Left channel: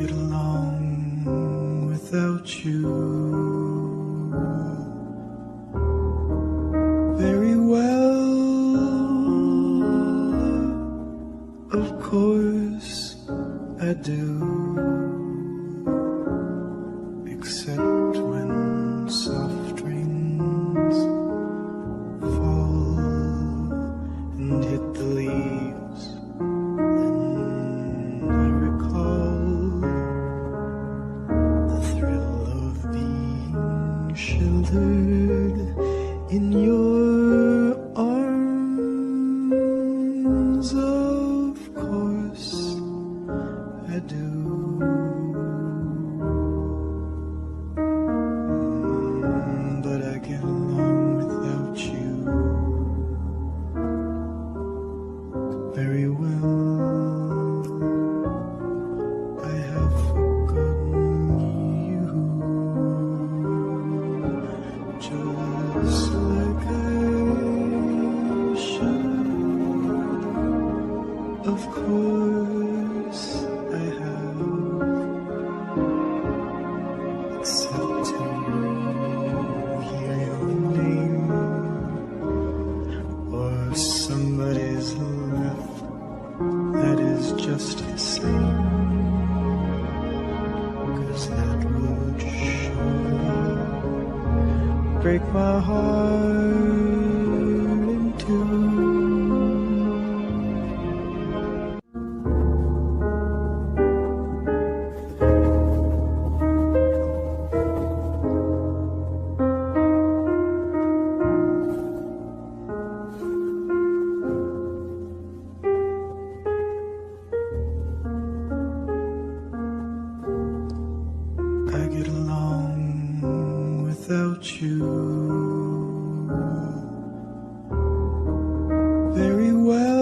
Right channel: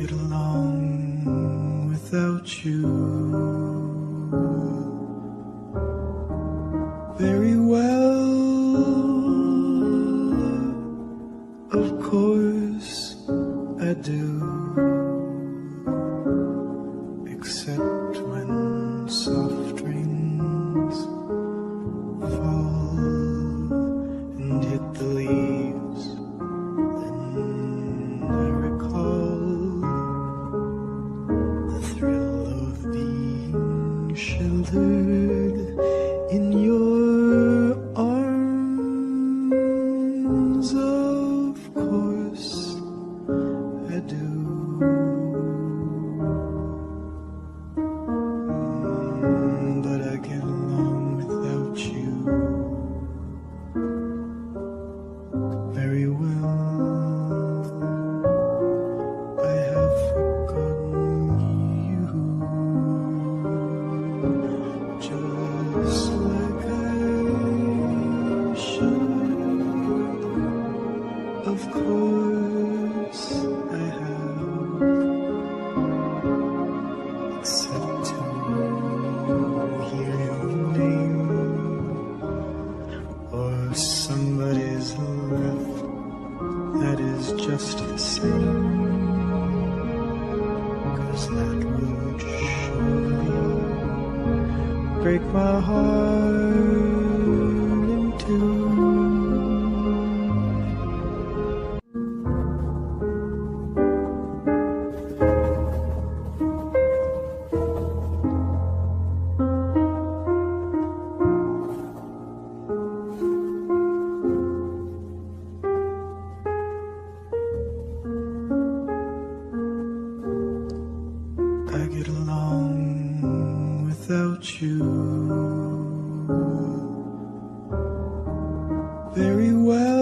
get along without you very well. Of course I do, except when soft rains fall and hit the leaves. Then I recall the thrill of being sheltered in your arms. Of course I do. But I get along without you very well. I have forgotten you, just like I should. Of course I have, except to hear your name or somebody's laugh. That is just the same, 'cause that would surely break my heart in two. I get along without you very well.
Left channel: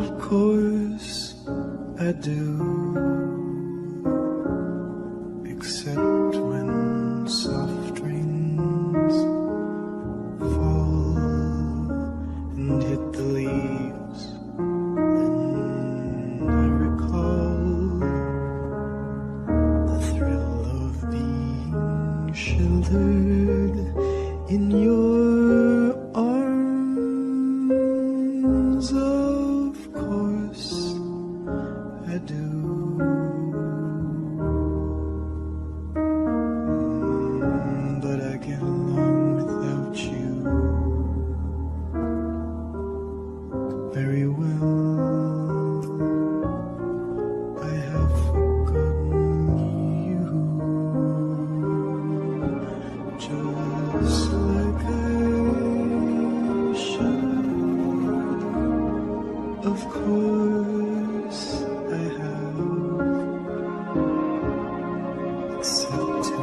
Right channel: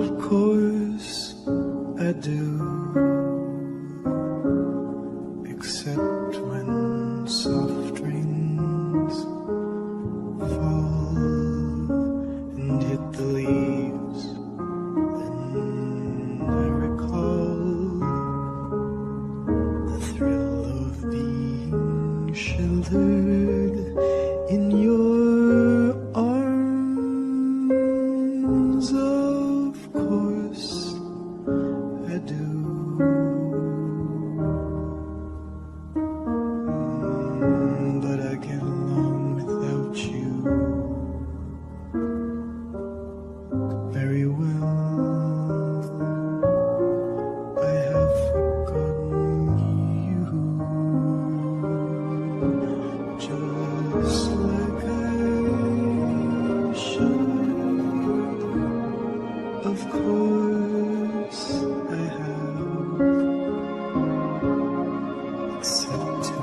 Of course I do, except when soft rains fall and hit the leaves. Then I recall the thrill of being sheltered in your arms. Of course I do. But I get along without you very well. I have forgotten you, just like I should. Of course I have, except to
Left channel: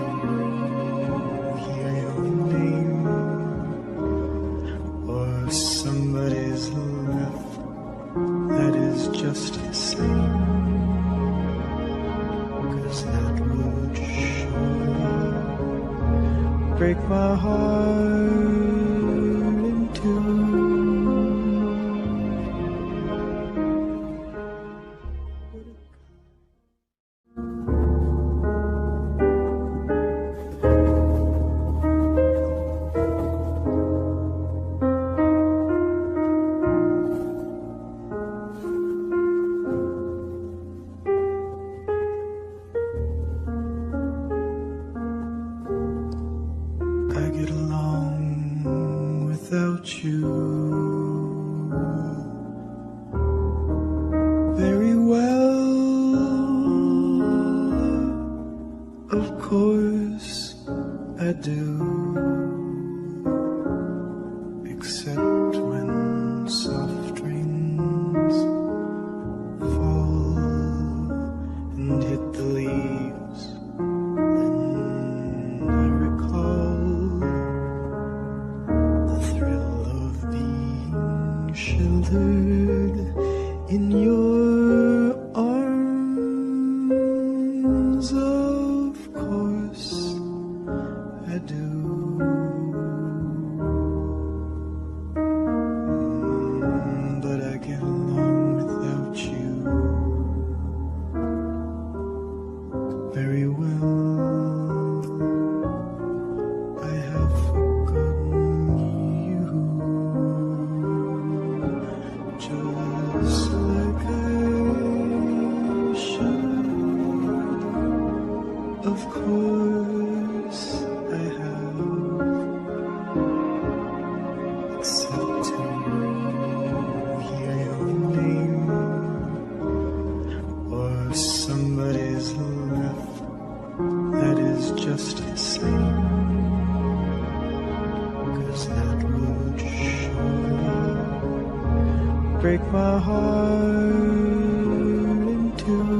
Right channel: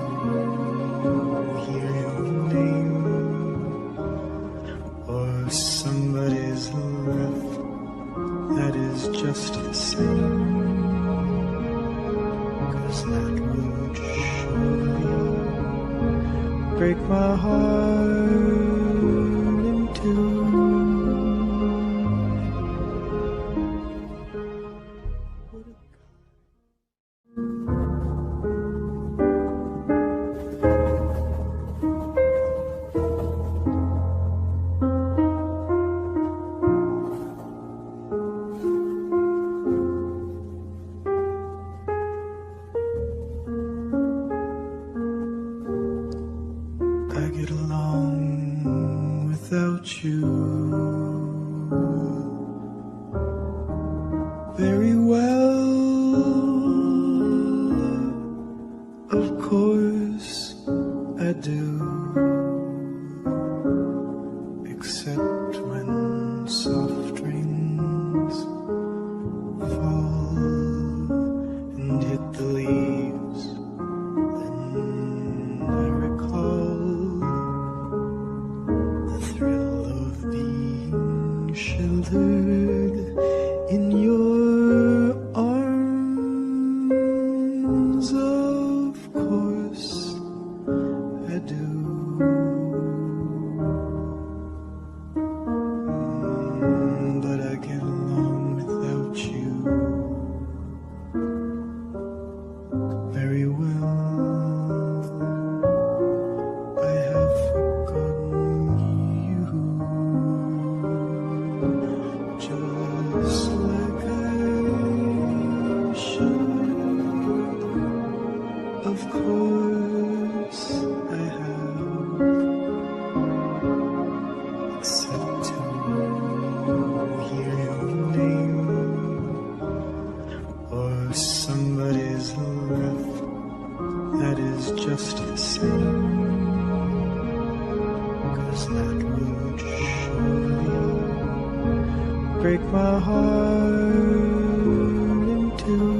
hear your name or somebody's laugh. That is just the same, 'cause that would surely break my heart in two. I get along without you very well. Of course I do, except when soft rains fall and hit the leaves. Then I recall the thrill of being sheltered in your arms. Of course I do. But I get along without you except to hear your name or somebody's laugh that is just the same, 'cause that would surely break my heart in two.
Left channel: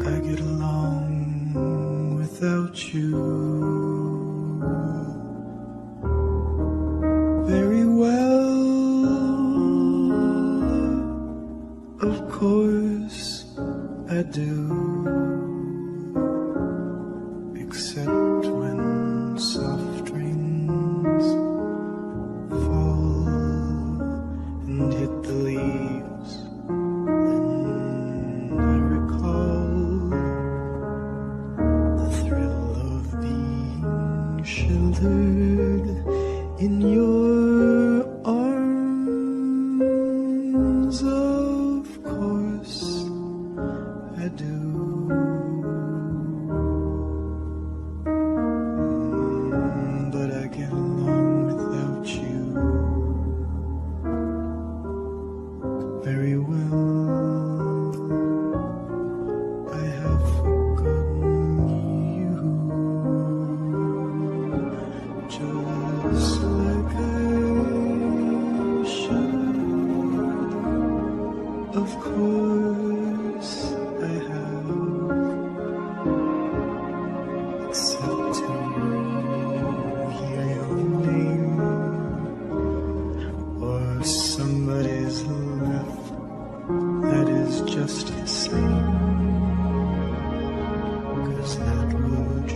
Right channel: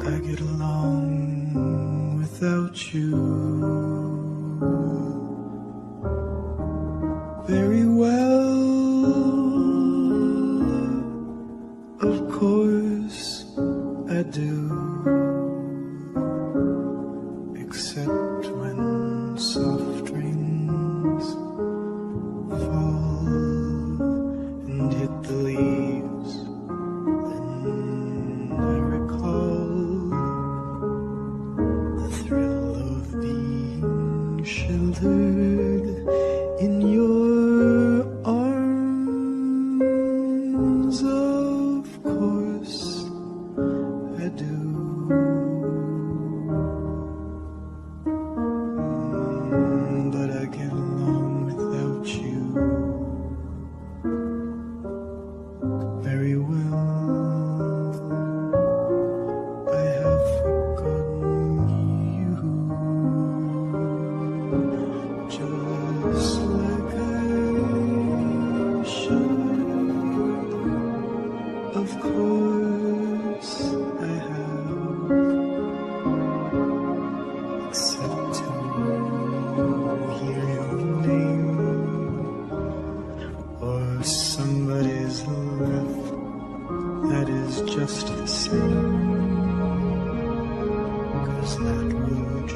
I get along without you very well. Of course I do, except when soft rains fall and hit the leaves. Then I recall the thrill of being sheltered in your arms. Of course I do. But I get along without you very well. I have forgotten you, just like I should. Of course I have, except to hear your name or somebody's laugh that is just the same, 'cause that would